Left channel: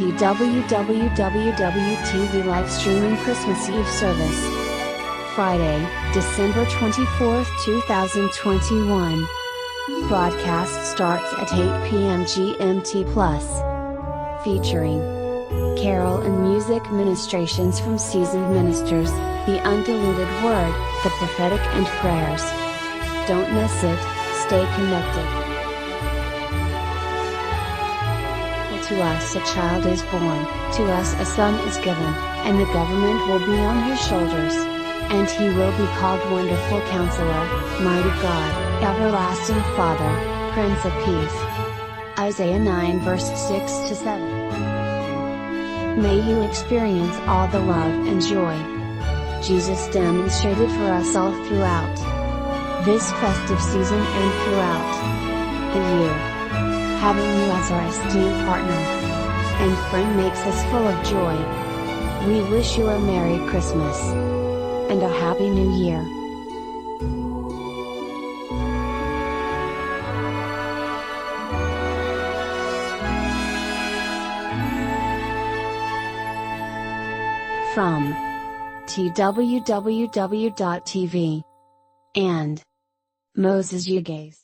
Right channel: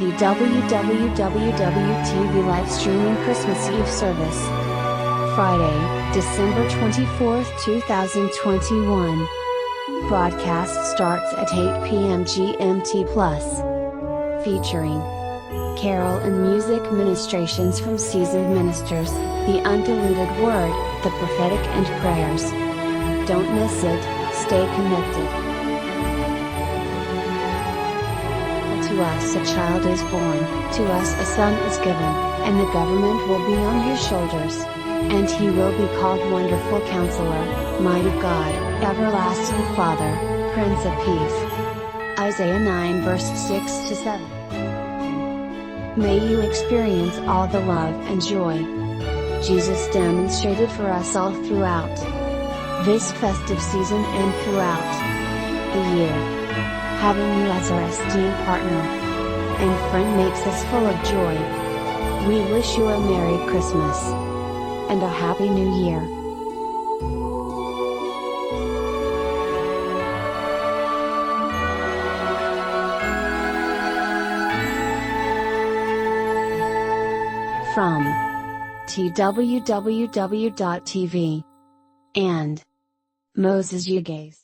twww-tv live streaming Christmas Eve service. Friday, December 24, 2021. Broadcast starts at 8 p.m. GMT+. Featuring carol and music ministrations from seasoned ministers, the undiluted word, the prophetic and prayers. Don't miss it, stay connected. For to us a child is born, to us a son is given, and the government will be on his shoulders. And he will be called Wonderful Counselor, Mighty God, Everlasting Father, Prince of Peace. Isaiah 9 verse 6-7. May you experience all the love and joy Jesus demonstrated for us all throughout this festive season and throughout the year. Having you as our esteemed partner and friend makes us full of joy. We wish you a Merry Christmas and a Happy New Year. From twww.tv and Moses Ugheizs.